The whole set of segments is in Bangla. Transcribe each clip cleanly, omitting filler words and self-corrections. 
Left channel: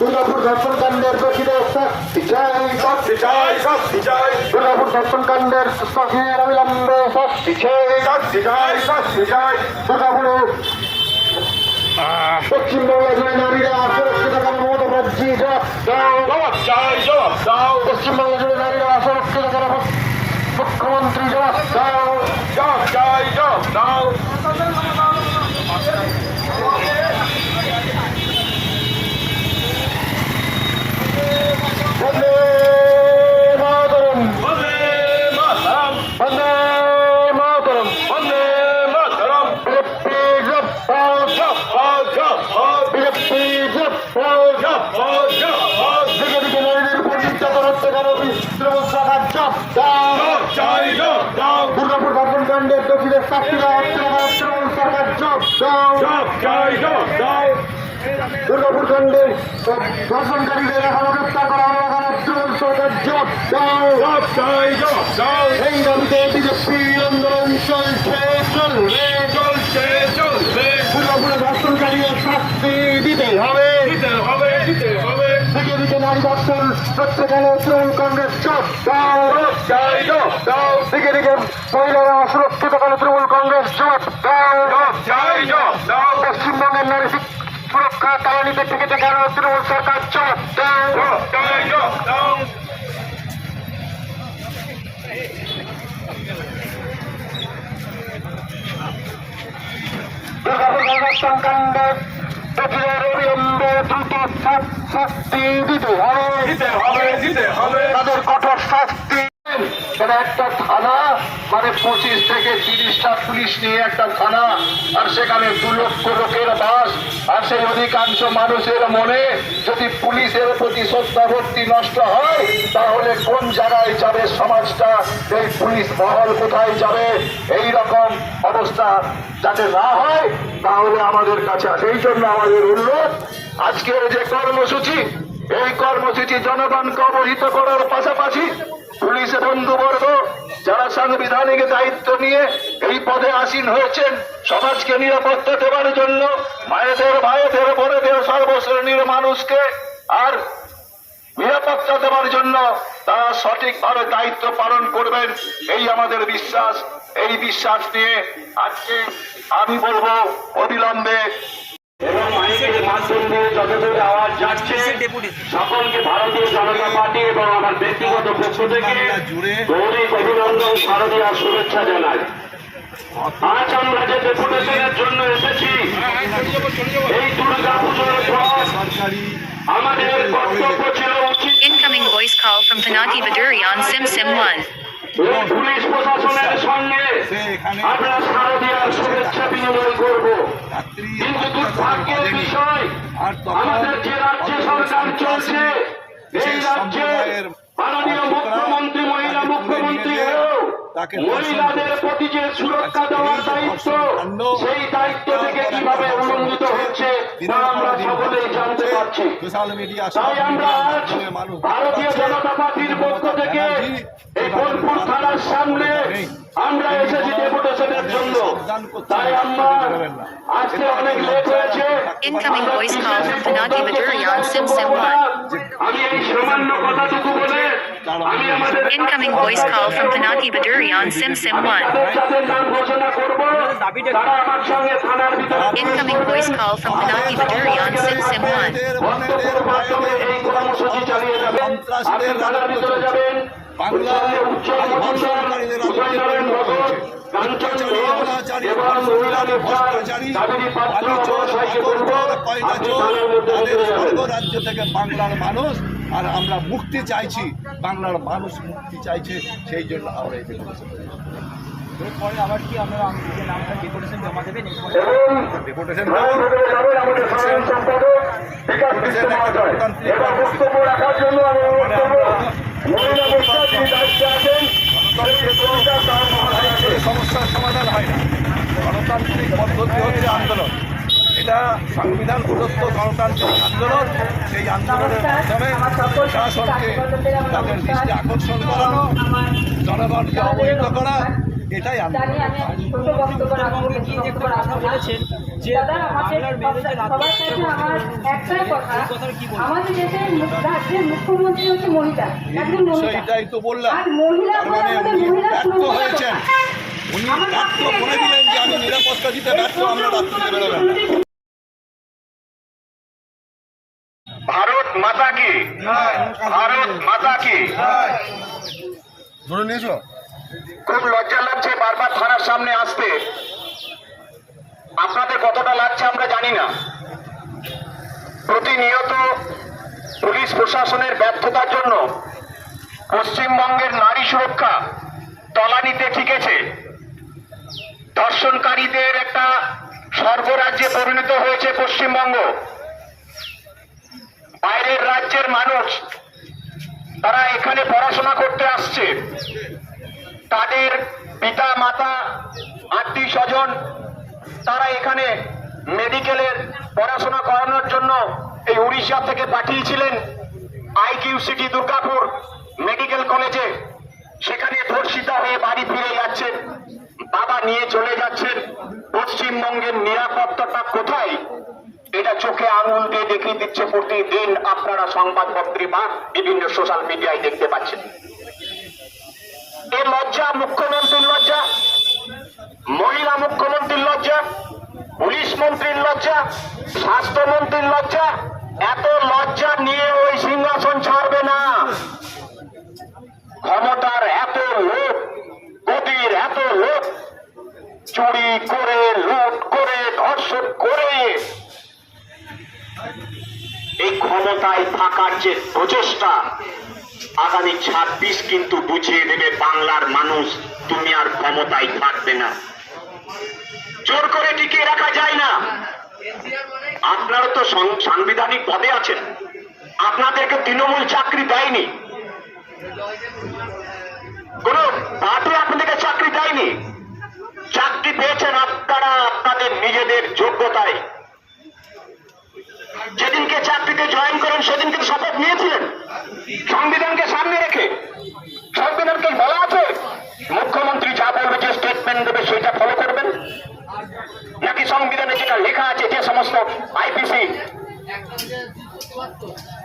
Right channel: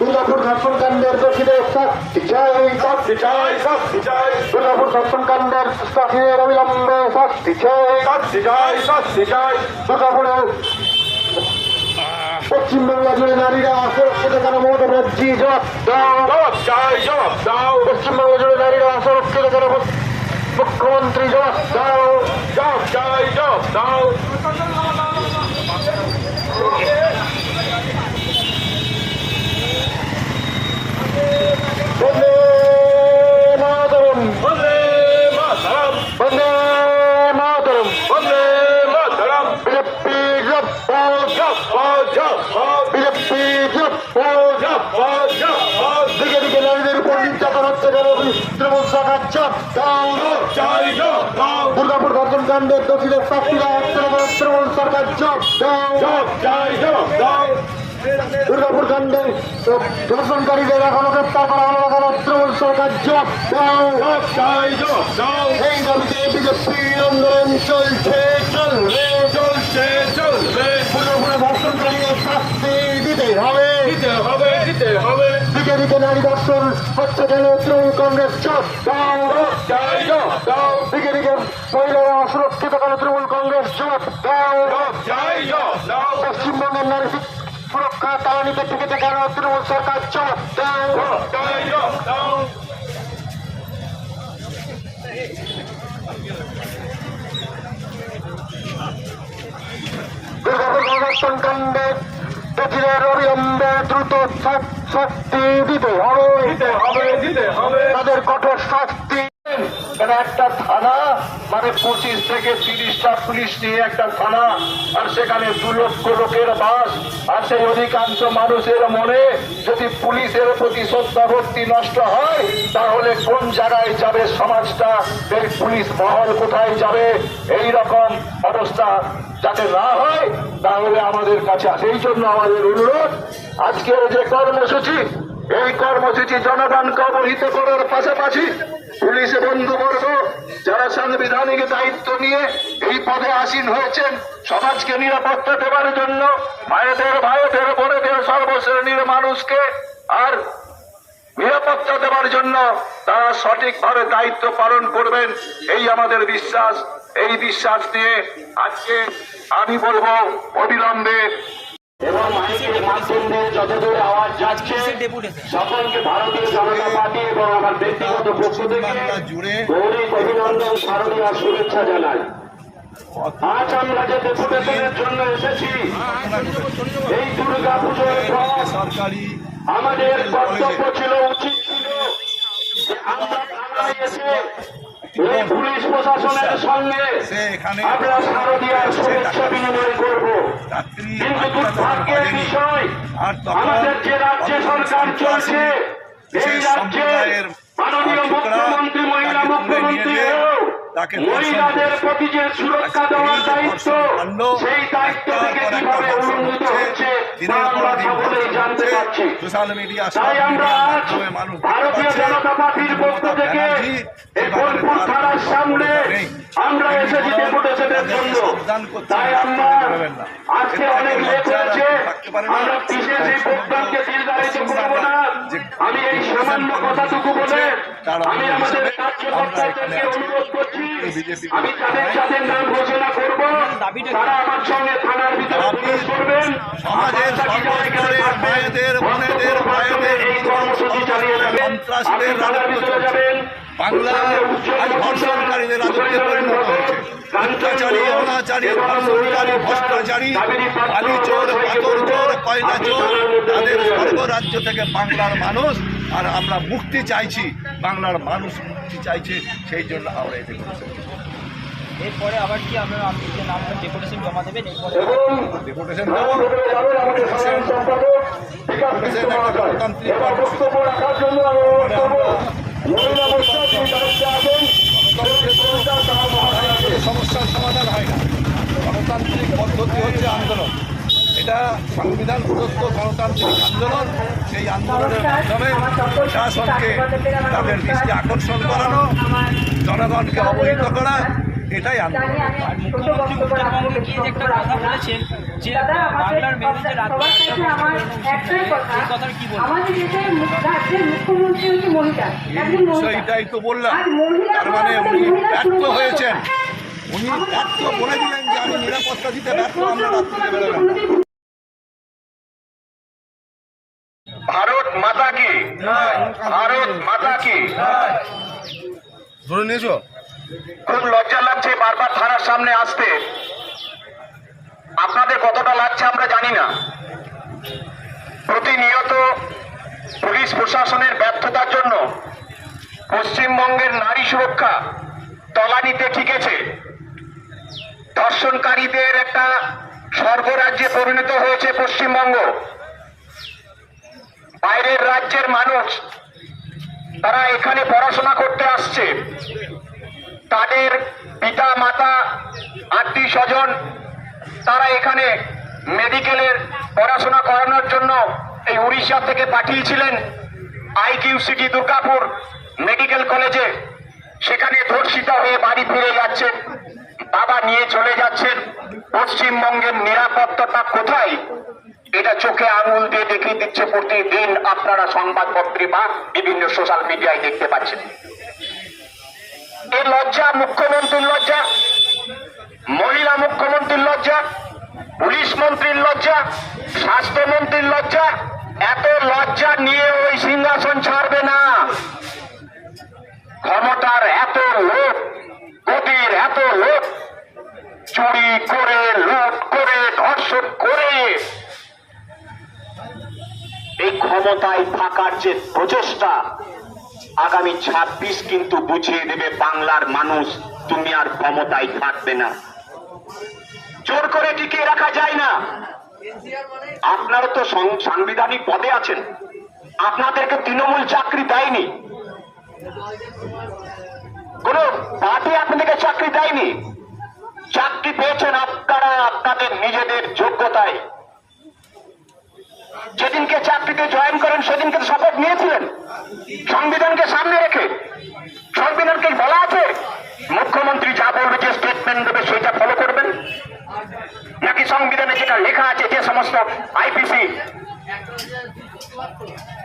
দুর্গাপুর ধর্ষণকাণ্ডের দোষীদের শাস্তি চাই, দুর্গাপুর ধর্ষণকাণ্ডের শাসনের অবিলম্বে শাস্তি চাই, দুর্গাপুরে পশ্চিমবাংলা জুড়ে নারীরা সুরক্ষিত কেন মমতা ব্যানার্জি জবাব দাও, পশ্চিমবাংলা জুড়ে নারীরা সুরক্ষিত কেন মুখ্যমন্ত্রী জবাব দাও। বন্দে মাতরম, বন্দে মাতরম, বিজেপি বিজেপি দিকে দিকে নারীদের উপর নির্যাতন হচ্ছে কেন তৃণমূল সরকার জবাব দাও। দুর্গাপুর ধর্ষণকাণ্ডের দোষীদের শাস্তি দেওয়া হচ্ছে না কেন তৃণমূল সরকার জবাব দাও। দুর্গাপুর কাণ্ডে ধর্ষণকারীদের এখনো গ্রেপ্তার করা হলো না কেন তৃণমূল সরকার জবাব দাও। এই দাবিতে বিজেপি আন্দোলন চলছে দুর্গাপুরে ধর্ষণকারীদের শাস্তি দিতে হবে। দিকে দিকে নারী ধর্ষণ হচ্ছে কেন তৃণমূল কংগ্রেস জবাব দাও। দিকে দিকে মহিলারা অসুরক্ষিত কেন তৃণমূল কংগ্রেস জবাব দাও। পশ্চিমবঙ্গের নারী সুরক্ষা তালানিতে টিকেতে কেন তৃণমূল সরকার জবাব দাও। দুর্গাপুর ধর্ষণকাণ্ডে দোষীদের অবিলম্বে দ্রুত শাস্তি দিতে হবে, তাদের কঠোর শাস্তি। একটা থানা মানে 25 থেকে 30টা পুলিশ নিয়ে একটা থানা, আর সেখানে 2 লক্ষ লোকের বাস, আর সেই অধিকাংশ মানুষের মনে যদি পুলিশের প্রতি শ্রদ্ধা ভক্তি নষ্ট হয় তাহলে কোন জায়গায় যাবে সমাজটা, এই পুলিশ মহল কোথায় যাবে? এই রকম অবস্থা যাতে না হয় তাহলে আমাদের কাছে আসে। এই জন্য আমাদের অনুরোধ, আজকের যে কর্মসূচি, এই কর্মসূচি জনগণকে অবহিত করার পাশাপাশি পুলিশ বন্ধুবর্গ যারা সাংবিধানিক দায়িত্ব নিয়ে এই পদে আসীন হয়েছেন সমাজকে নিরাপত্তা দেওয়ার জন্য, মায়েদের ভাইদের বোনেদের সর্বশ্রেণীর মানুষকে আর নিরাপত্তা দেওয়ার জন্য তারা সঠিকভাবে দায়িত্ব পালন করবেন, এই আমাদের বিশ্বাস। এই বিশ্বাস নিয়ে আজকে আমি বলবো অবিলম্বে এবং মাইকের মাধ্যমে যতদূর আওয়াজ যাচ্ছে সকলকে ভারতীয় জনতা পার্টি এবং আমার ব্যক্তিগত পক্ষ থেকে গৌরব অভিনন্দন, শারদীয় শুভেচ্ছা জানাই। আজ আমরা যে ডেপুটেশনের জন্য এসেছি এই দুর্গা পুজোর পর আমাদের কর্তব্য ছিল উচিত Incoming voice call from Pinaki Baduri on Sim 1. Police প্রশাসনের সঙ্গে আমরা শারদীয় শুভেচ্ছা বিনিময় করব, কিন্তু দুর্ভাগ্যের বিষয় আমাদের যে রাজ্যে সরকার চলছে এই রাজ্যের মাননীয় মুখ্যমন্ত্রী মহিলা মুখ্যমন্ত্রী মহিলাদের প্রতি যে সুরক্ষা দেওয়ার দায়িত্ব, সেই দায়িত্ব থেকে কিভাবে উন্নীত হচ্ছে তা আমরা সকলেই জানতে পারছি। তাই আমরা আজ ভারতীয় জনতা পার্টির পক্ষ থেকে এই বোলপুর থানার সামনে আমরা এসেছি ডেপুটেশনের জন্য। তাই আমরা আজকে অনেক লেট হয়েছে, আমি এই সামান্য কথাটুকু বলে আমি আমাদের Incoming voice call from Pinaki Baduri on Sim 1. যাদের নাম ঘোষণা করব তারা আমার সঙ্গে থানার ভিতরে Incoming voice call from Pinaki Baduri on Sim 1. এই কর্মসূচি চালিয়ে যাবেন, আপনি থানার ভিতরে যাবেন। বাংলায় আজ ধর্ষণকারীদের রাজত্বে পরিণত হয়েছে। অত্যাচারী, অনাচারী, ধর্ষণকারী, ভ্রষ্টাচারী, বালি চোর, পাথর চোর, কয়লা চোর, তাদের সর্বরাজ্য থেকে বাংলার মানুষ, আর আমরা মুক্তি চাইছি, বাংলার মানুষ মুক্তি চাইছে, সেই জন্য আমরা এতে করেছি। এরপরে আবার কি আমরা নামটা ডেপুটেশন জমা দেবেন? ডেপুটেশন দেবো, ডেপুটেশন একটা গণতান্ত্রিক কর্মসূচি, মানে আমরা সমস্যার সমাধান হয় না, গণতান্ত্রিক পদ্ধতি হচ্ছে আন্দোলন। এটা সংবিধান প্রদত্ত গণতান্ত্রিক আন্দোলন। সেই আন্দোলনের মাধ্যমে প্রশাসনকে তাদের দৃষ্টি আকর্ষণ করানো, জনগণকে অবহিত করা, এটাই আন্দোলন। মুখ্যমন্ত্রী গিয়ে যে একটা কথা বলেছেন যে বাংলার মেয়ে যে সেইটাই তো বললাম। তার মানে উনি ব্যর্থ হয়েছেন, উনি ব্যর্থ বলে দিলেন যে আমি নিরাপত্তা দিতে ব্যর্থ, আমরা রাত্রিতে বেরোবেন না। ভারত মাতা কি, ভারত মাতা কি। খুব লজ্জা লাগছে বারবার থানার সামনে আসতে। আপনাদের কতটা লাগছে আমরা জানি না। প্রতিনিয়ত পুলিশ প্রশাসনের ব্যর্থতার জন্য পশ্চিমবঙ্গের নারী সুরক্ষা তলানিতে ঠেকেছে। ধর্ষণকারীদের একটা স্বর্গরাজ্যে পরিণত হয়েছে পশ্চিমবঙ্গ। বাইরের রাজ্যের মানুষ তারা এখানে পড়াশোনা করতে আসছে, তাদের পিতা মাতা আত্মীয় স্বজন তারা এখানে মেডিকেলের পড়াশোনা করানোর জন্য এই উড়িষ্যা থেকে পাঠিয়েছিলেন IQCT দুর্গাপুর মেডিকেল কলেজে। সেখানে ধর্ষিতা হয়ে বাড়ি ফিরে যাচ্ছেন, বাবা নিয়ে চলে যাচ্ছেন। পশ্চিমবঙ্গের নিরাপত্তাটা কোথায়, এটা চোখে আঙুল দিয়ে দেখিয়ে দিচ্ছে প্রতিদিন। আপনারা সংবাদপত্রে বা বিভিন্ন সোশ্যাল মিডিয়ায় দেখতে পাচ্ছেন। এ লজ্জা মুখ্যমন্ত্রীর লজ্জা, মহিলা মুখ্যমন্ত্রীর লজ্জা, পুলিশ মন্ত্রীর লজ্জা, স্বাস্থ্যমন্ত্রীর লজ্জা। এত লজ্জা নিয়ে ওই সিংহাসন ছাড়বে না। ক্ষমতার এত লোক, গতির এত লোক, চুরি করে, লুট করে, ধর্ষণ করে এই ক্ষমতায় থাকার যে প্রচেষ্টা, আগামী 26 কিন্তু বুঝিয়ে দেবে বাংলার মানুষ তুমি আর ক্ষমতায় থাকবে না। জোর করে টিকিয়ে রাখা যায় না। আপনারা তো সাংবিধানিক পদে আছেন, আপনাদেরকে তৃণমূল চাকরি দেয়নি, কোন পার্টি আপনাদেরকে চাকরি দেয়নি। চাকরি পেয়েছেন আপনারা আপনাদের নিজেদের যোগ্যতায়। যেদিনকে চাকরিতে জয়েন করেন সেদিনকে শপথ নিয়েছিলেন সংবিধানকে সামনে রেখে। সংবিধানকে বলা আছে মুখ্যমন্ত্রী যা বলবে, যে স্টেটমেন্ট দেবে সেটা ফলো করবেন, নাকি সংবিধানে যেটা লেখা আছে যে সমস্ত IPC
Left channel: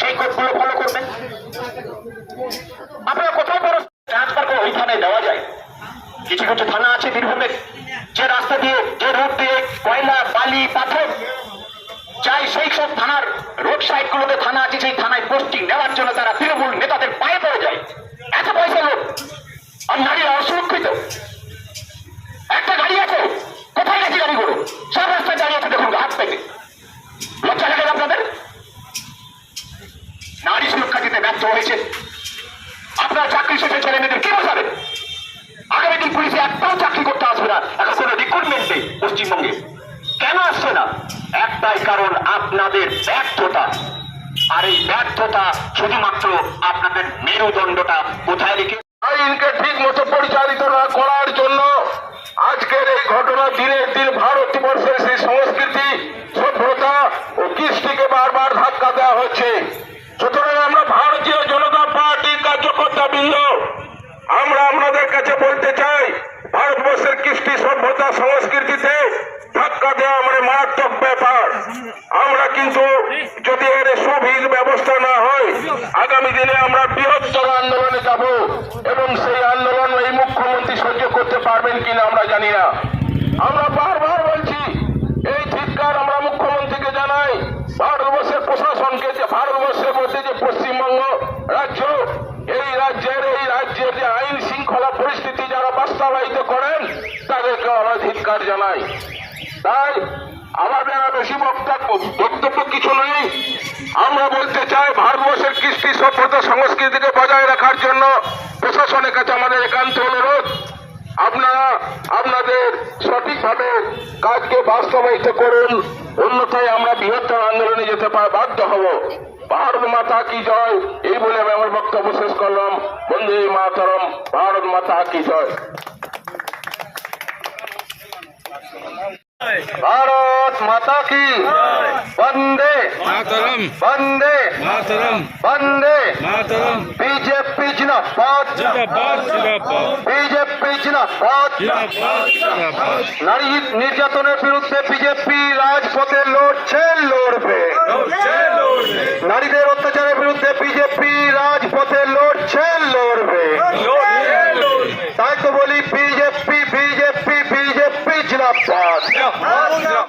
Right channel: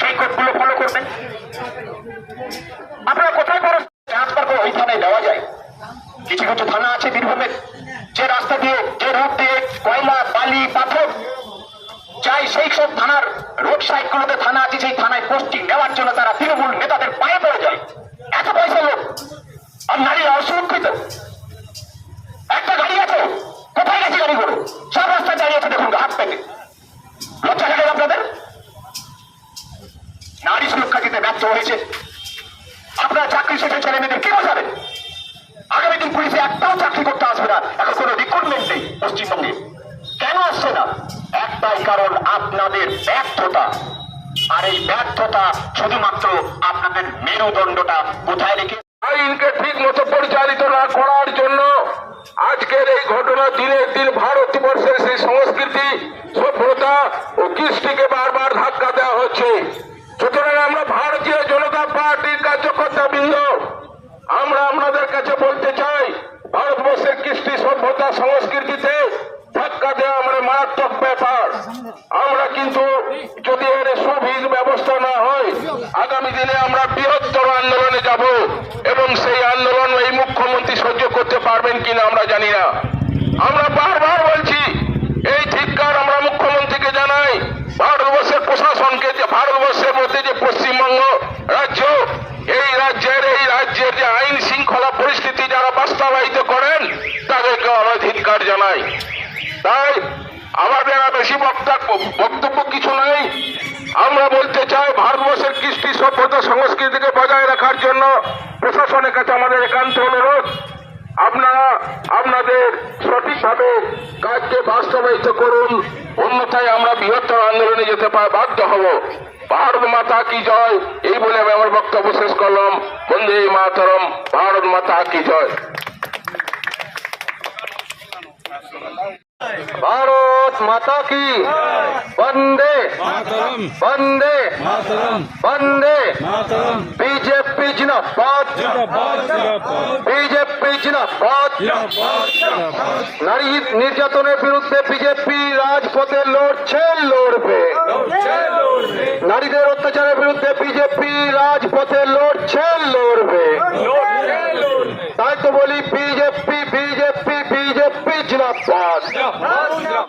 সেই কোডগুলো ফলো করবেন? আপনারা কোথায় ট্রান্সফার করে ওই থানায় দেওয়া যায়? কিছু কিছু থানা আছে বীরভূমের, যে রাস্তা দিয়ে, যে রোড দিয়ে কয়লা, বালি, পাথর চাই, সেই সব থানার রোড সাইড গুলোতে থানা আছে, সেই থানায় পোস্টিং নেওয়ার জন্য তারা তৃণমূল নেতাদের পায়ে পড়ে যায়। এত পয়সা লোক, আর নারীরা অসুরক্ষিত। একটা গাড়ি আছে, কোথায় গেছে গাড়িগুলো? সব রাস্তায় দাঁড়িয়ে আছে, দেখুন হাত পেতে। লজ্জা লাগে আপনাদের? নারী সুরক্ষা দিতে ব্যর্থ হয়েছে। আপনারা চাকরি শেষে ছেলে মেয়েদের কি বোঝাবেন? আগামী দিন পুলিশে একটাও চাকরি করতে আসবে না। এখন কোনো রিক্রুটমেন্ট নেই পশ্চিমবঙ্গে। কেন আসছে না? একটাই কারণ, আপনাদের ব্যর্থতা। আর এই ব্যর্থতা শুধুমাত্র আপনাদের মেরুদণ্ডটা কোথায় রেখে আইনকে ঠিক মতো পরিচালিত না করার জন্য আজকের এই ঘটনা দিনের দিন ভারতবর্ষের সেই সংস্কৃতি, সভ্যতা ও কৃষ্টিকে বারবার ধাক্কা দেওয়া হচ্ছে। সুতরাং আমরা ভারতীয় জনতা পার্টির কার্যকর্তা বৃন্দ, আমরা আপনাদের কাছে বলতে চাই, ভারতবর্ষের কৃষ্টি, সভ্যতা, সংস্কৃতিতে ধাক্কা দেওয়া মানে মারাত্মক ব্যাপার। আমরা কিন্তু যদি এর সুবিধ ব্যবস্থা না হয়, আগামী দিনে আমরা বৃহত্তর আন্দোলনে যাব, এবং সেই আন্দোলন এই মুখ্যমন্ত্রী সহ্য করতে পারবেন কিনা আমরা জানি না। আমরা বারবার বলছি, এই ধিক্কার আমরা মুখ্যমন্ত্রীকে জানাই, ভারতবর্ষের প্রশাসনকে, যে ভারতবর্ষের মধ্যে যে পশ্চিমবঙ্গ রাজ্য, এই রাজ্যের যে আইন শৃঙ্খলা পরিস্থিতি যারা বাস্তবায়িত করেন, তাদেরকে আমরা ধিক্কার জানাই। তাই আমাদের আর বেশি বক্তব্য কিছু নেই। আমরা বলতে চাই, ভারতবর্ষের কৃষ্টি, সভ্যতা, সংস্কৃতিকে বজায় রাখার জন্য প্রশাসনের কাছে আমাদের একান্ত অনুরোধ, আপনারা আপনাদের সঠিকভাবে কাজকে বাস্তবায়িত করুন, অন্যথায় আমরা বৃহত্তর আন্দোলনে যেতে বাধ্য হব। ভারত মাতা কি জয়, এই বলে আমি আমার বক্তব্য শেষ করলাম। বন্দে মাতরম, ভারত মাতা কি জয়। ভারত माता की वंदे मातरम वंदे मातरम वंदे मातरम बीजेपी जिंदाबाद जिंदाबाद जिंदाबाद बीजेपी जिंदाबाद जिंदाबाद जिंदाबाद নারী নির্যাতনের বিরুদ্ধে বিজেপি রাজপথে লড়বে নারীদের অত্যাচারের বিরুদ্ধে বিজেপি রাজপথে লড়বে তাই তো বলি বিজেপি বিজেপি বিজেপি জিন্দাবাদ